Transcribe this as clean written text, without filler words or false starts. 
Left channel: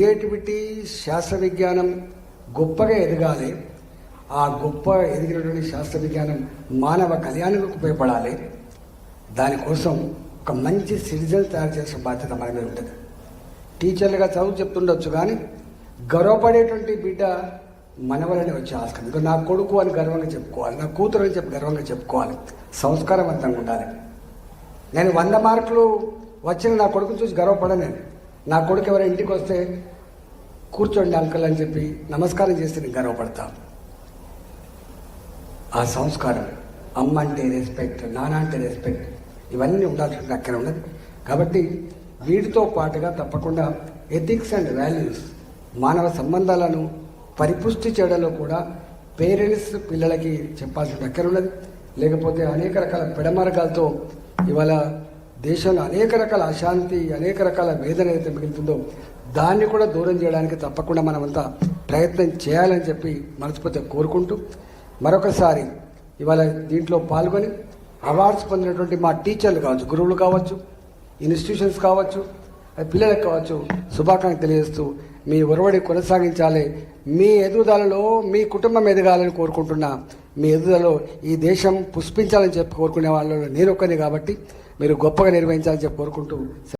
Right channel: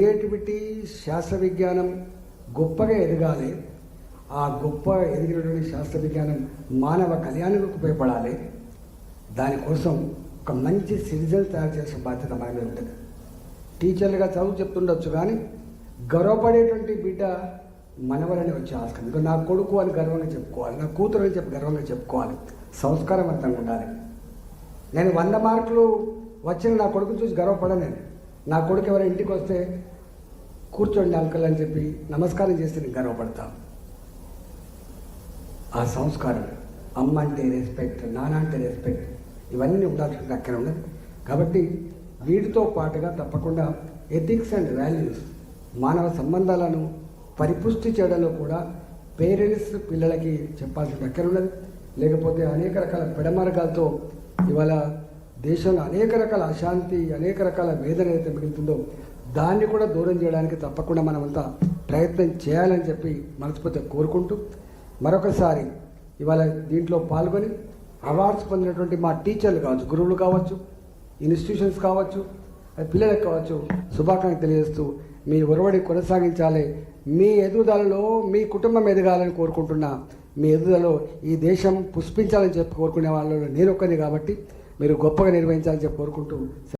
Creativity శాస్త్ర విజ్ఞానం గొప్పగా ఎదగాలి. ఆ గొప్ప ఎదిగినటువంటి శాస్త్ర విజ్ఞానం మానవ కళ్యాణానికి ఉపయోగపడాలి. దానికోసం ఒక మంచి సిటిజన్ తయారు చేసిన బాధ్యత మన మీద ఉంటుంది. టీచర్లుగా చదువు చెప్తుండొచ్చు, కానీ గర్వపడేటువంటి బిడ్డ మన వల్లనే వచ్చే ఆస్కారం. ఇంకా నా కొడుకు అని గర్వంగా చెప్పుకోవాలి, నా కూతురు అని చెప్పి గర్వంగా చెప్పుకోవాలి. సంస్కారవంతంగా ఉండాలి. నేను 100 మార్కులు వచ్చిన నా కొడుకుని చూసి గర్వపడను. నా కొడుకు ఎవరైనా ఇంటికి వస్తే కూర్చోండి అంకల్ అని చెప్పి నమస్కారం చేస్తే నేను గర్వపడతాను. ఆ సంస్కారం, అమ్మ అంటే రెస్పెక్ట్, నాన్న అంటే రెస్పెక్ట్, ఇవన్నీ ఉండాల్సిన అక్కడ ఉన్నది. కాబట్టి వీటితో పాటుగా తప్పకుండా ఎథిక్స్ అండ్ వాల్యూస్, మానవ సంబంధాలను పరిపుష్టి చేయడంలో కూడా పేరెంట్స్ పిల్లలకి చెప్పాల్సిన అక్కడ ఉన్నది. లేకపోతే అనేక రకాల పెడమార్గాలతో ఇవాళ దేశంలో అనేక రకాల అశాంతి, అనేక రకాల వేదన అయితే మిగులుతుందో దాన్ని కూడా దూరం చేయడానికి తప్పకుండా మనమంతా ప్రయత్నం చేయాలని చెప్పి మనస్ఫూర్తిగా కోరుకుంటూ, మరొకసారి ఇవాళ దీంట్లో పాల్గొని అవార్డ్స్ పొందినటువంటి మా టీచర్లు కావచ్చు, గురువులు కావచ్చు, ఇన్స్టిట్యూషన్స్ కావచ్చు, పిల్లలకు కావచ్చు శుభాకాంక్షలు తెలియజేస్తూ మీ ఒరవడి కొనసాగించాలి. మీ ఎదుగుదలలో మీ కుటుంబం ఎదగాలని కోరుకుంటున్నా. మీ ఎదుగుదలలో ఈ దేశం పుష్పించాలని చెప్పి కోరుకునే వాళ్ళు నేను ఒక్కనే. కాబట్టి మీరు గొప్పగా నిర్వహించాలని చెప్పి కోరుకుంటూ